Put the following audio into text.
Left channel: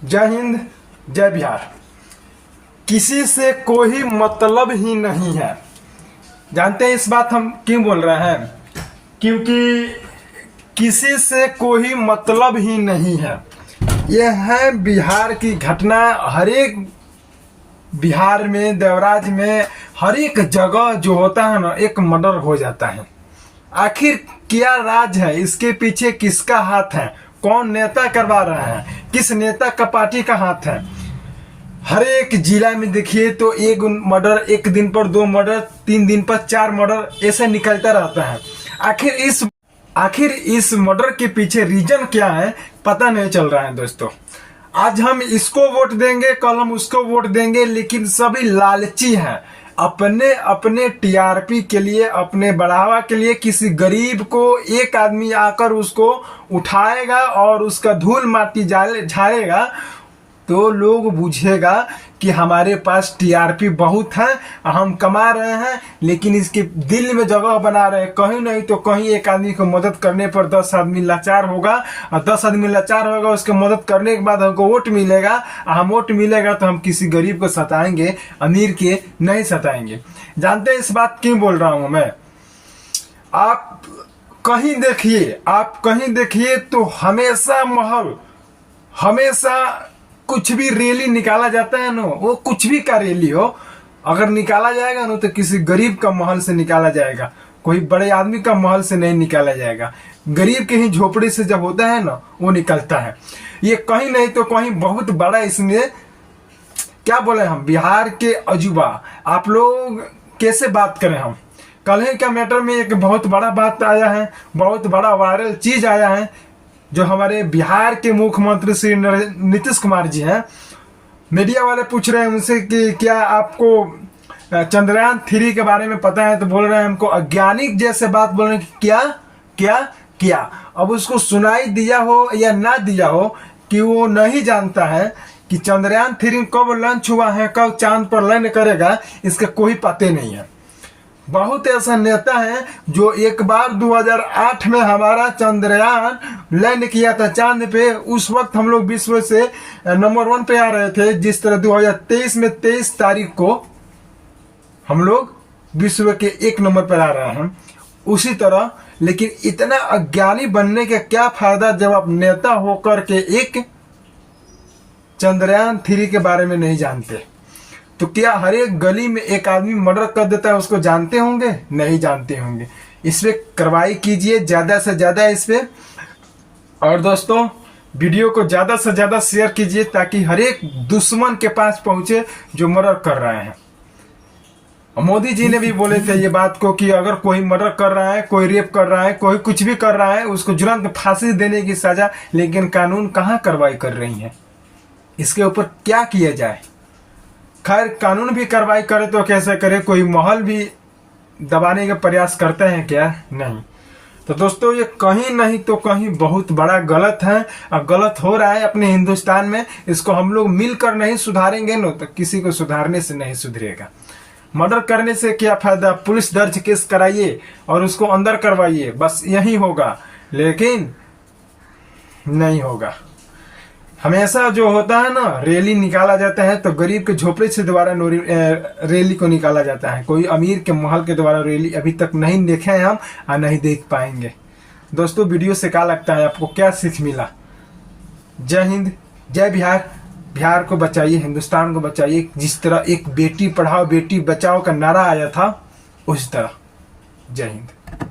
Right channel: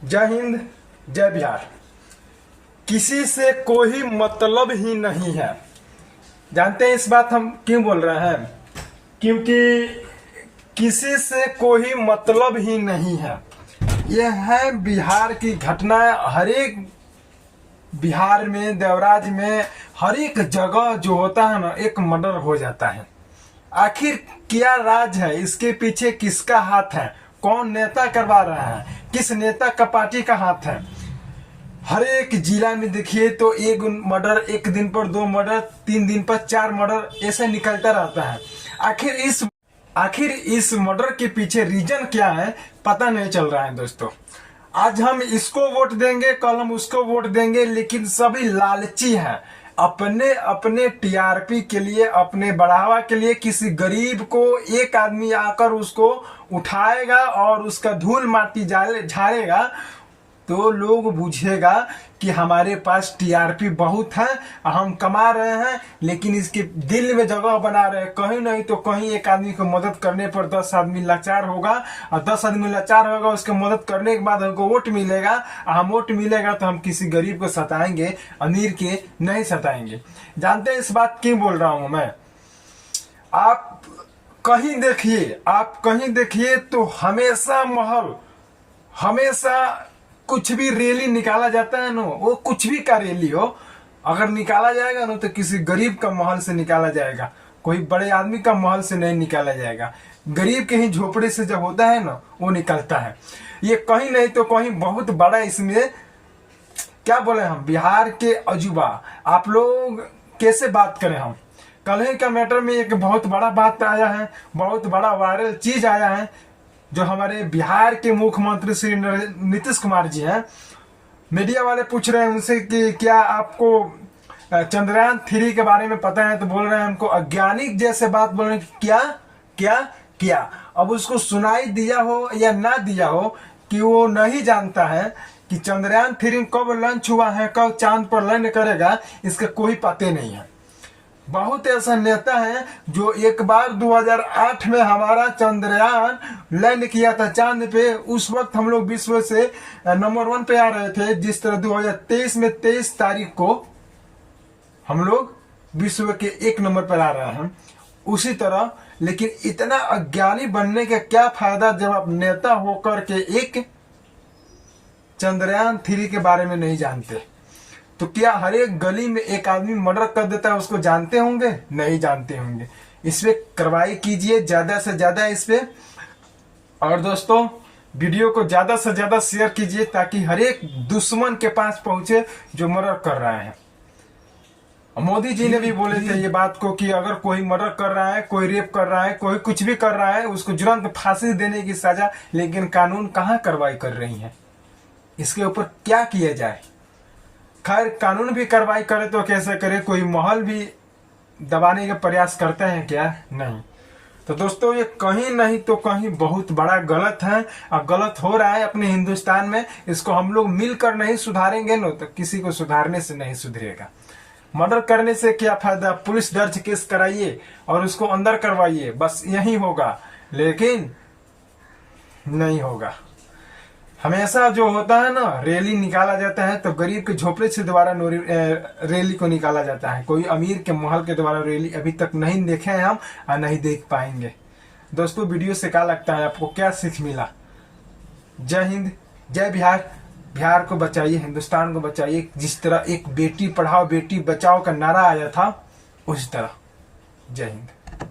जय हिंद, जय बिहार। किसी से कोई मतलब ही नहीं है। जानते हैं इस बात हम क्यों बोल रहे हैं? क्योंकि किसी से कोई मतलब ही नहीं है। यह है बिहार की घटना। हर एक बिहार में, देवराज में, हर एक जगह जो होता है ना, एक मर्डर हो जाता है। आखिर क्या राज है? इसके पीछे किसका हाथ है? कौन नेता करवा रहा है? किस नेता का पार्टी का हाथ है? हर एक जिला में देखिए तो एक मर्डर, एक दिन पर 2 मर्डर, 3 दिन पर 4 मर्डर, ऐसा निकलता रहता है। आखिर इस मर्डर के पीछे रीजन क्या है, पता नहीं चल रहा है दोस्तों। आज हम इसको वोट देंगे, कल हम उसको वोट देंगे, लेकिन सभी लालची हैं। अपने अपने टीआरपी के लिए, अपने बढ़ावा के लिए किसी गरीब को एक आदमी आकर उसको उठाएगा और उसका धूल माटी झाड़ेगा तो लोग बुझेगा कि हमारे पास टीआरपी बहुत है, हम कमा रहे हैं, लेकिन इसके दिल में जगह बना रहे। कहीं नहीं तो कहीं एक आदमी को मदद करने पर 10 आदमी लाचार होगा, और 10 आदमी लाचार होगा, उसके मदद करने के बाद हमको वोट मिलेगा। हम वोट मिलेगा तो हम किसी गरीब को सताएंगे, अमीर के नहीं सताएंगे। जानते हैं इस बात क्यों बोल रहा हूं मैं? आप कहीं देखिए तो हमेशा महल, हमेशा कुछ भी रैली निकाला जाता है ना, वो कुछ भी का रैली हो, अगर निकाला जाएगा ना तो किसी गरीब का महल से निकाला जाएगा, कोई बड़े आदमी का महल से नहीं निकाला जाएगा। गरीब के ही झोपड़े से जब होता है ना, वो निकलता है। ये कहीं नहीं तो कहीं बहुत बड़ा, इसमें क्या बोले हम, बिहार के अजूबा। आप लोग कैसे बात करें हम? कल ही का मैटर में एक बहुत बड़ा बात आया है, बहुत बड़ा वायरल चीज आया है, जो हमारे बिहार के मुख्यमंत्री श्री नीतीश कुमार जी हैं। मीडिया वाले पूछ रहे हैं उनसे कि क्या आपको चंद्रयान 3 के बारे में पता है? तो बोल रहे हैं हमको अज्ञानी जैसे बात बोल रहे हैं। क्या क्या क्या? अब उसको सुनाई दिया हो या ना दिया हो कि वो नहीं जानता है कि चंद्रयान 3 कब लॉन्च हुआ है, कब चांद पर लैंड करेगा, इसका कोई पता नहीं है। बहुत ऐसा नेता है जो एक बार 2008 में हमारा चंद्रयान लैंड किया था चांद पे। उस वक्त हम लोग विश्व से नंबर 1 पे आ रहे थे। जिस तरह 2023 में 23 तारीख को हम लोग विश्व के 1 नंबर पर आ रहे हैं, उसी तरह। लेकिन इतना अज्ञानी बनने का क्या फायदा जब आप नेता होकर के एक चंद्रयान 3 के बारे में नहीं जानते? तो क्या हर एक गली में एक आदमी मर्डर कर देता है, उसको जानते होंगे? नहीं जानते होंगे। इस पे कार्रवाई कीजिए ज्यादा से ज्यादा इस पे। और दोस्तों, वीडियो को ज्यादा से ज्यादा शेयर कीजिए ताकि हर एक दुश्मन के पास पहुंचे जो मर्डर कर रहे हैं। मोदी जी ने भी बोले थे ये बात को कि अगर कोई मर्डर कर रहा है, कोई रेप कर रहा है, कोई कुछ भी कर रहा है, उसको तुरंत फांसी देने की सजा। लेकिन कानून कहाँ कार्रवाई कर रही है? इसके ऊपर क्या किया जाए? खैर, कानून भी कार्रवाई करे तो कैसे करे? कोई महल भी दबाने का प्रयास करते हैं क्या? नहीं। तो दोस्तों, ये कहीं नहीं तो कहीं बहुत बड़ा गलत है, और गलत हो रहा है अपने हिंदुस्तान में। इसको हम लोग मिलकर नहीं सुधारेंगे ना, तो किसी को सुधारने से नहीं सुधरेगा। मर्डर करने से क्या फायदा? पुलिस दर्ज केस कराइए और उसको अंदर करवाइए, बस यही होगा। लेकिन नहीं होगा। हमेशा जो होता है ना, रैली निकाला जाता है तो गरीब के झोपड़े से द्वारा रैली को निकाला जाता है। कोई अमीर के महल के द्वारा रैली अभी तक नहीं देखे हैं हम, और नहीं देख पाएंगे। दोस्तों, वीडियो से क्या लगता है आपको? क्या सीख मिला? जय हिंद, जय बिहार। बिहार को बचाइए, हिंदुस्तान को बचाइए। जिस तरह एक बेटी पढ़ाओ बेटी बचाओ का नारा आया था, उस तरह। जय हिंद।